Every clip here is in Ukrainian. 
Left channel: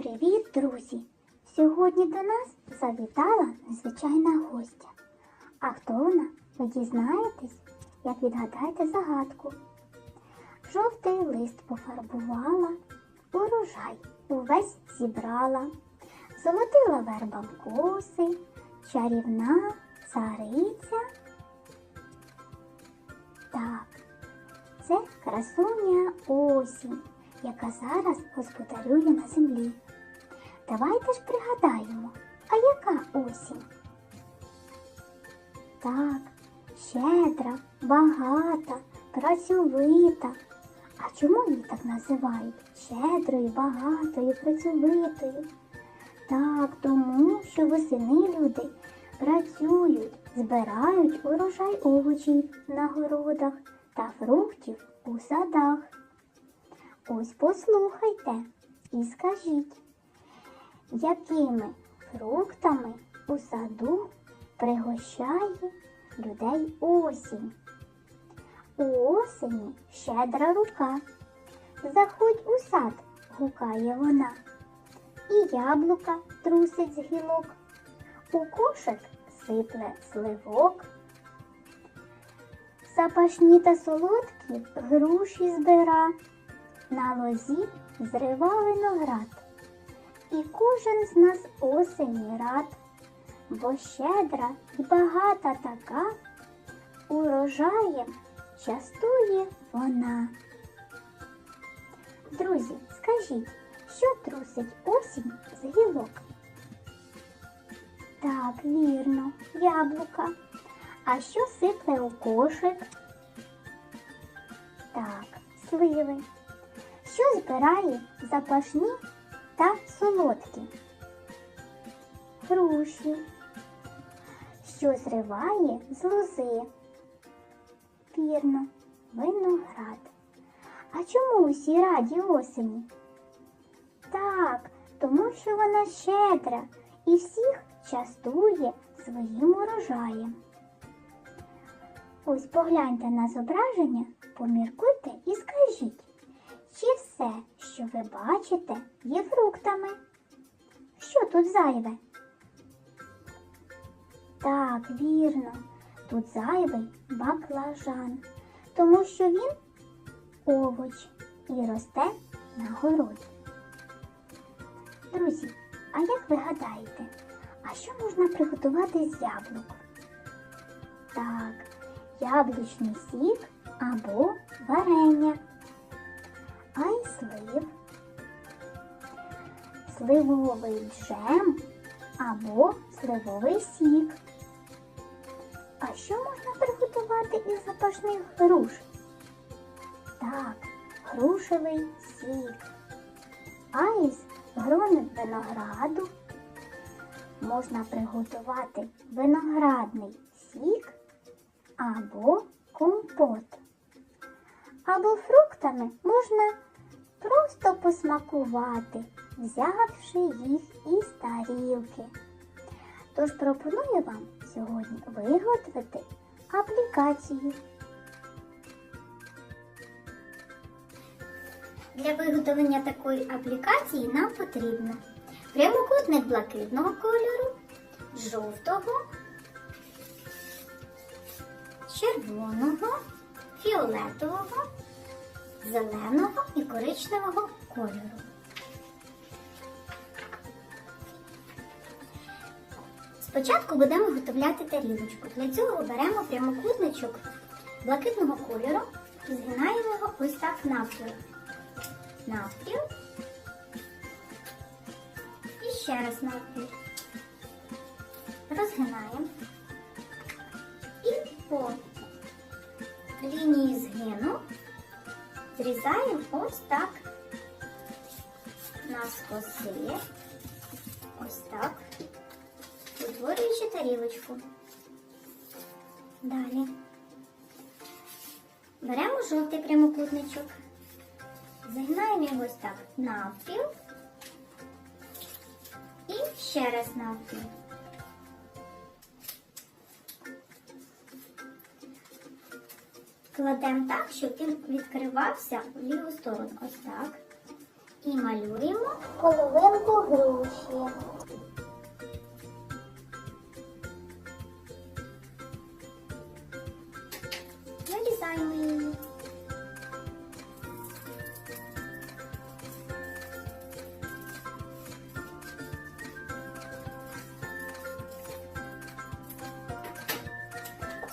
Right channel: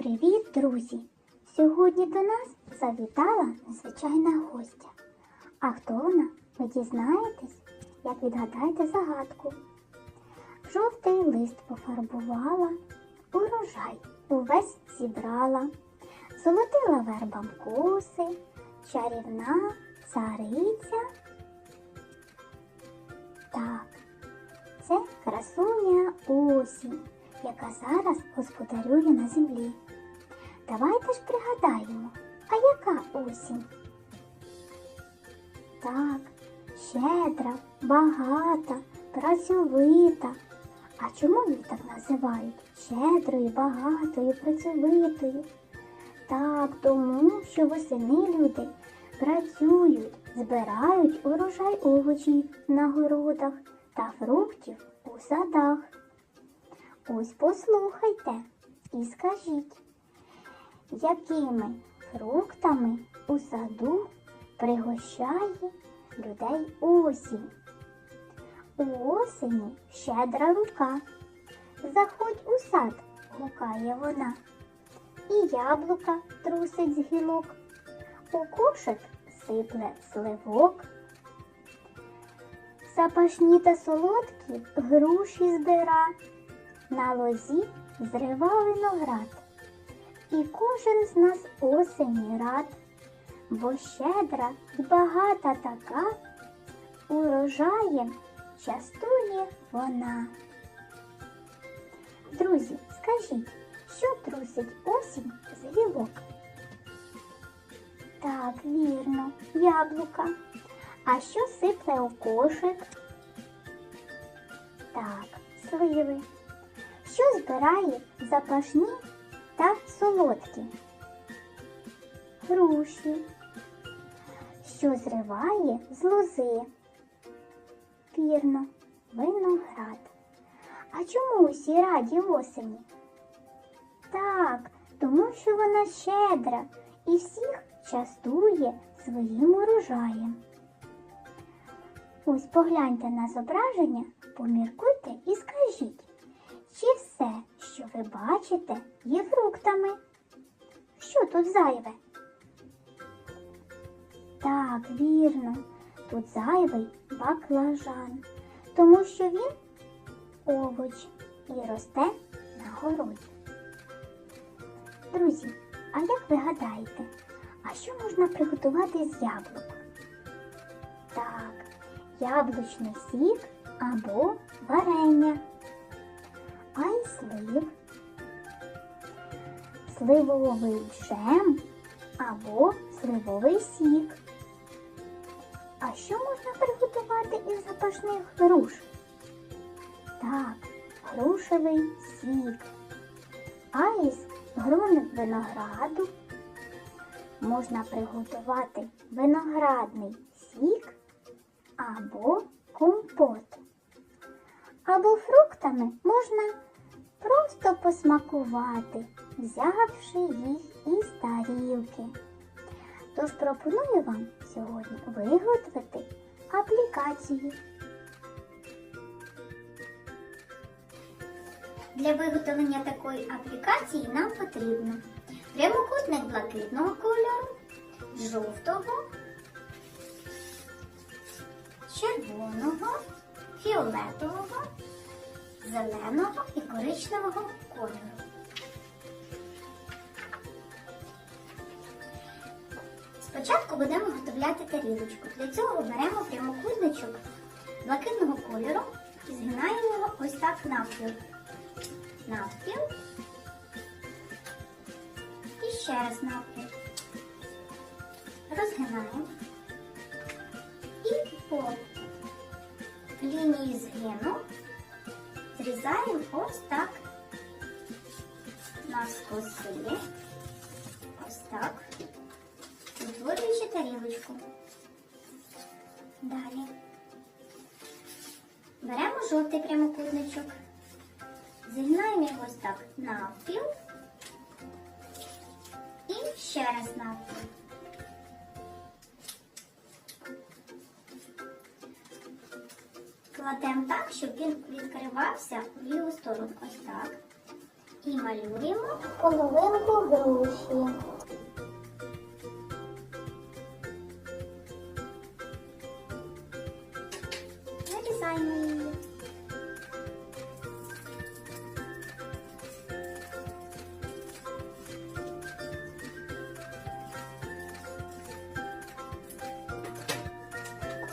Привіт, друзі! Сьогодні до нас завітала незвичайна гостя. А хто вона? Ви дізнаєтесь, як відгадаєте загадку. Жовтий лист пофарбувала, урожай увесь зібрала, золотила вербам коси, чарівна цариця. Так, це красуня осінь, яка зараз господарює на землі. Давайте ж пригадаємо, а яка осінь? Так, щедра, багата, працьовита. А чому її так називають? Щедрою, багатою, працьовитою. Так, тому що восени люди працюють, збирають урожай овочів на городах та фруктів у садах. Ось послухайте і скажіть, якими фруктами у саду пригощає людей осінь? У осені щедра рука. Заходь у сад, гукає вона. І яблука трусить з гілок. У кошик сипле сливок. Запашні та солодкі груші збира. На лозі зрива виноград. І кожен з нас осені рад, бо щедра й багата така, урожаєм частує вона. Друзі, скажіть, що трусить осінь з гілок? Так, вірно, яблука. А що сипле у кошик? Так, сливи. Що збирає запашні та солодкі? Груші. Що зриває з лози? Вірно, виноград. А чому усі раді осені? Так, тому що вона щедра і всіх частує своїм урожаєм. Ось погляньте на зображення, поміркуйте і скажіть, чи все, що ви бачите, є фруктами? Що тут зайве? Так, вірно, тут зайвий баклажан, тому що він овоч і росте на городі. Друзі, а як ви гадаєте, а що можна приготувати з яблук? Так, яблучний сік або варення, а слив, сливовий джем або сливовий сік. А що можна приготувати із запашних груш? Так, грушевий сік. А із винограду можна приготувати виноградний сік або компот. Або фруктами можна просто посмакувати, взявши їх із тарілки. Тож пропоную вам сьогодні виготовити аплікацію. Для виготовлення такої аплікації нам потрібно прямокутник блакитного кольору, жовтого, червоного, фіолетового, зеленого і коричневого кольору. Спочатку будемо готовляти тарілочку. Для цього беремо прямокутничок блакитного кольору і згинаємо його ось так навпіл. Навпіл. І ще раз навпіл. Розгинаємо. І по лінії згину зрізаємо ось так навскоси. Ось так утворюючи тарілочку. Далі беремо жовтий прямокутничок, зігнаємо його ось так навпіл і ще раз навпіл. Кладемо так, щоб він відкривався в ліву сторону. Ось так. І малюємо половинку груші. Нарізаємо її.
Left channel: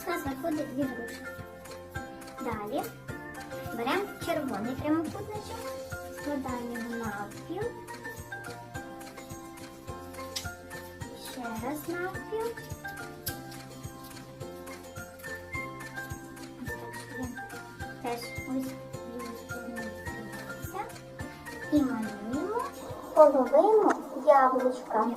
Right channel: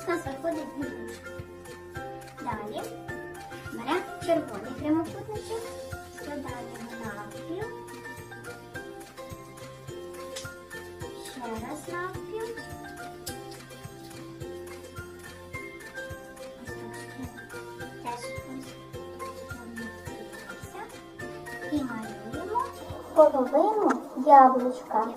У нас виходить дві груші. Червоний прямокутничок, складаємо його навпіл. Ще раз навпіл. Теж ось. І малюємо половину яблучка.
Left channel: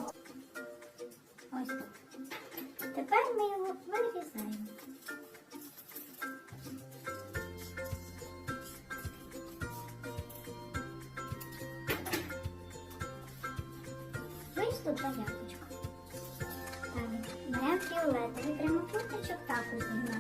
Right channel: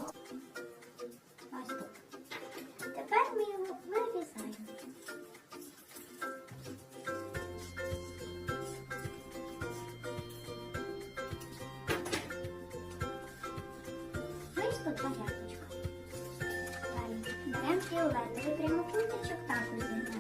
Вийшло два яблучка. Далі беремо фіолетовий прямокутничок, також зігнаємо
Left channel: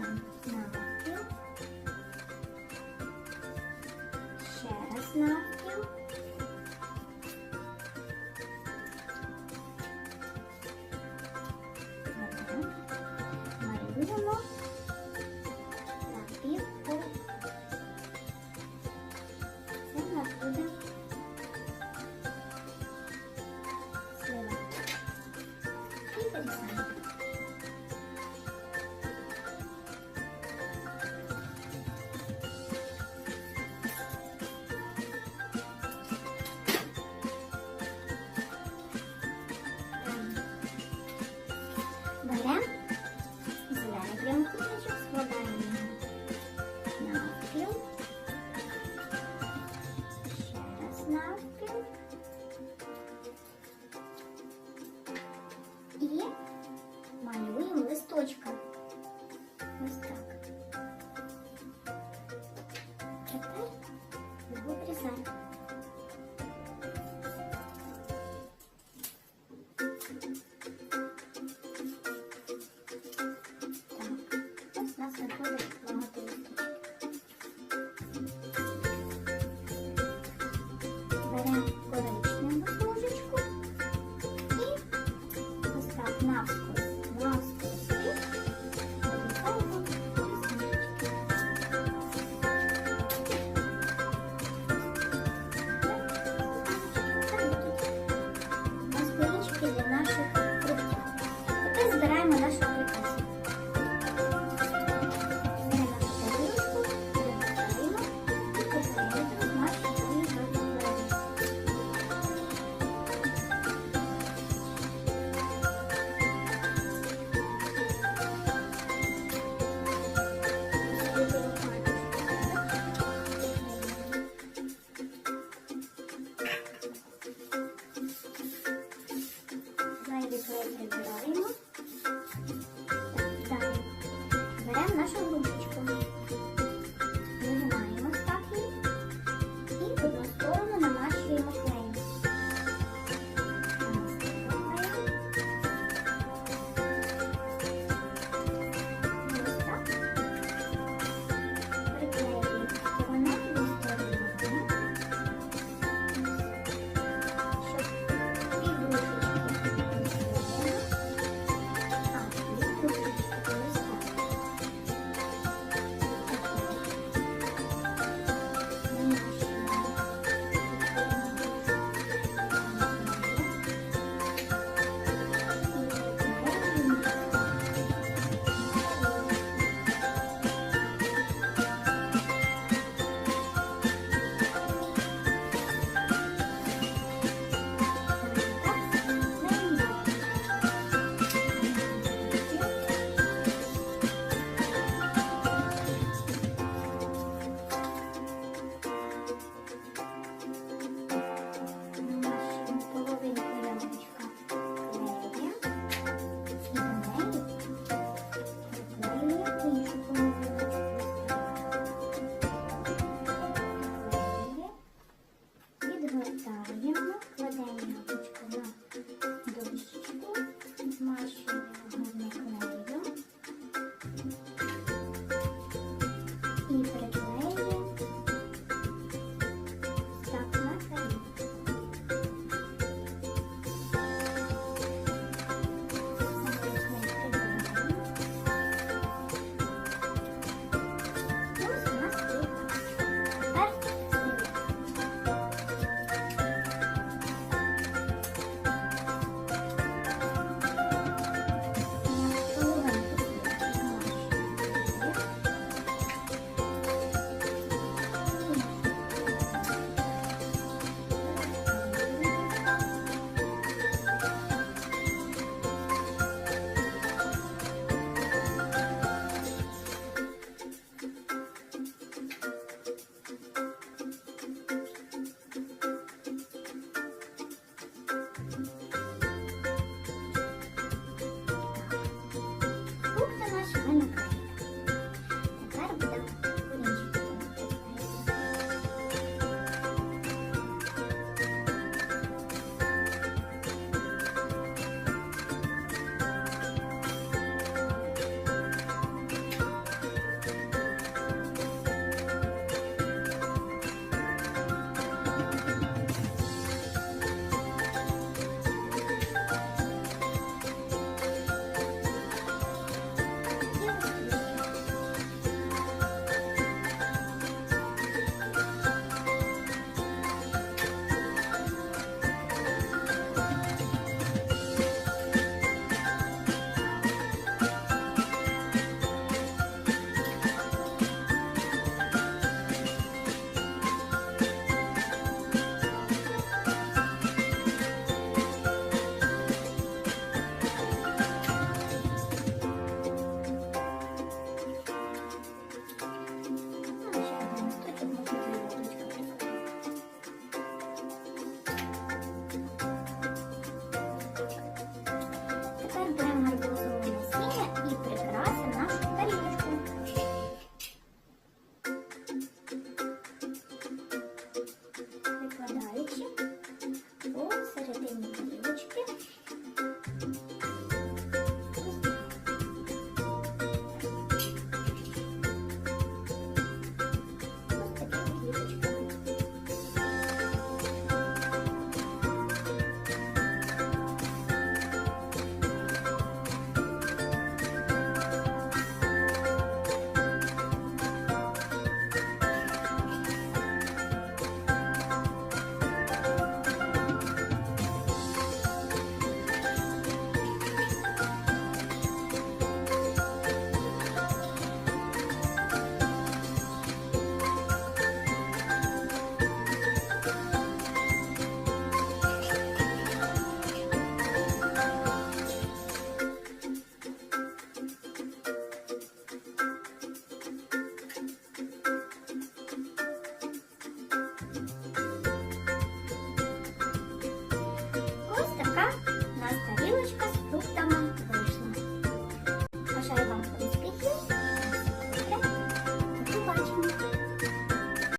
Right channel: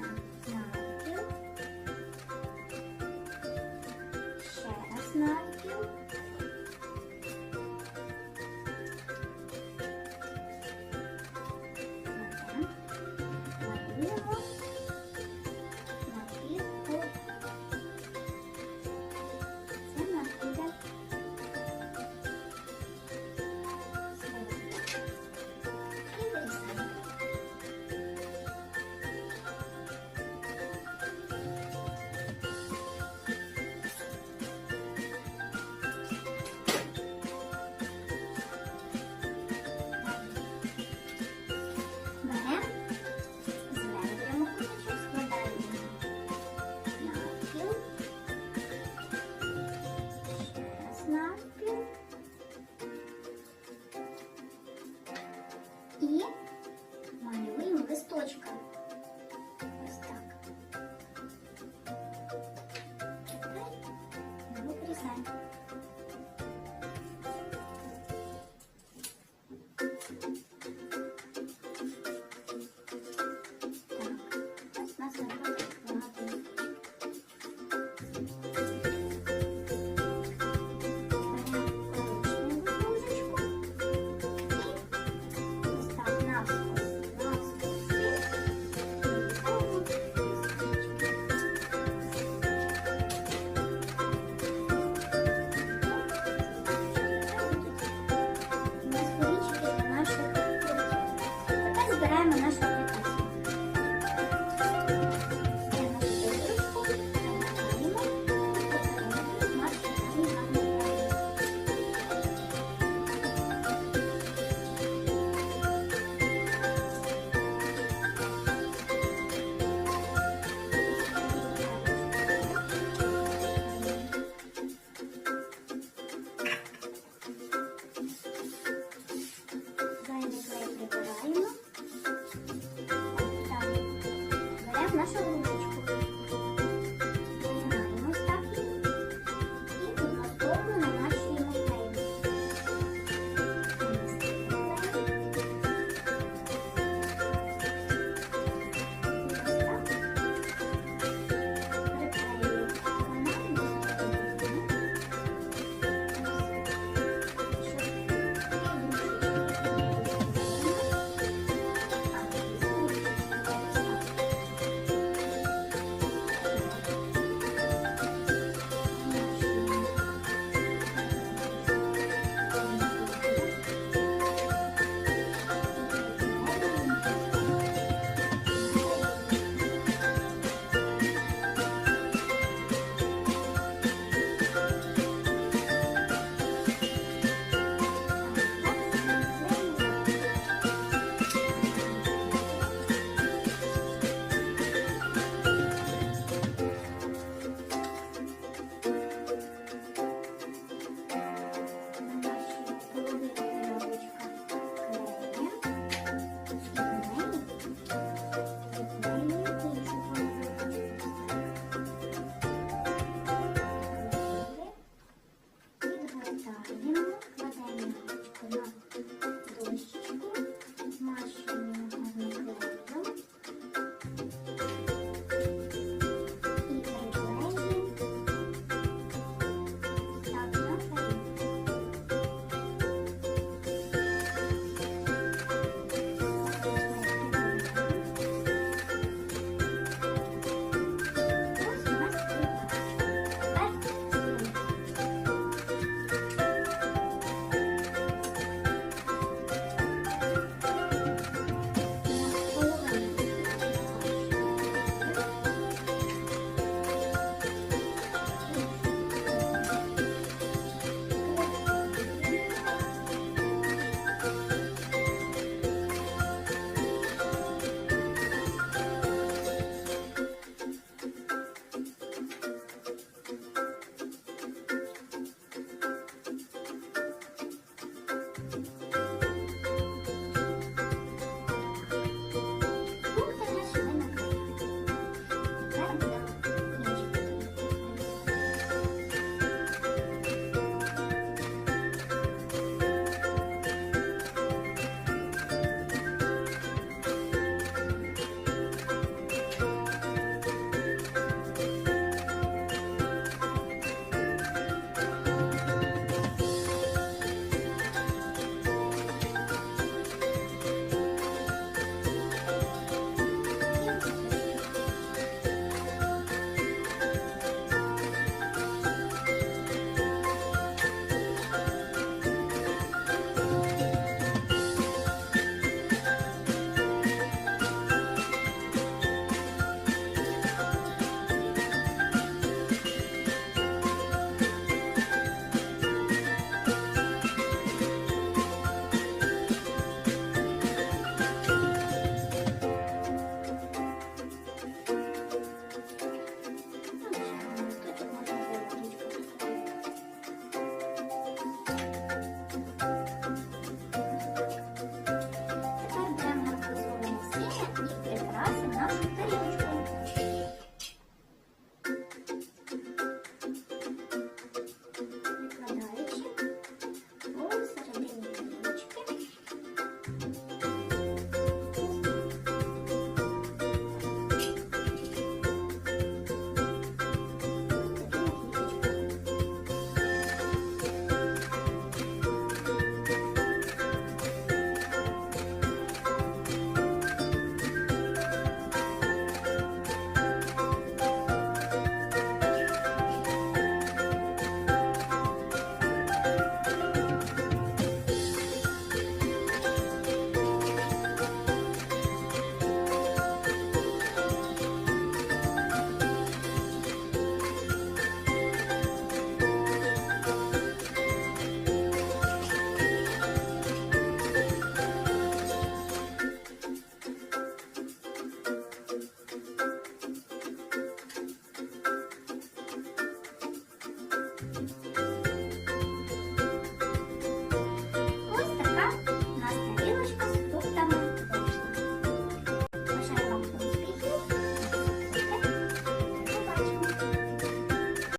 has a hurt.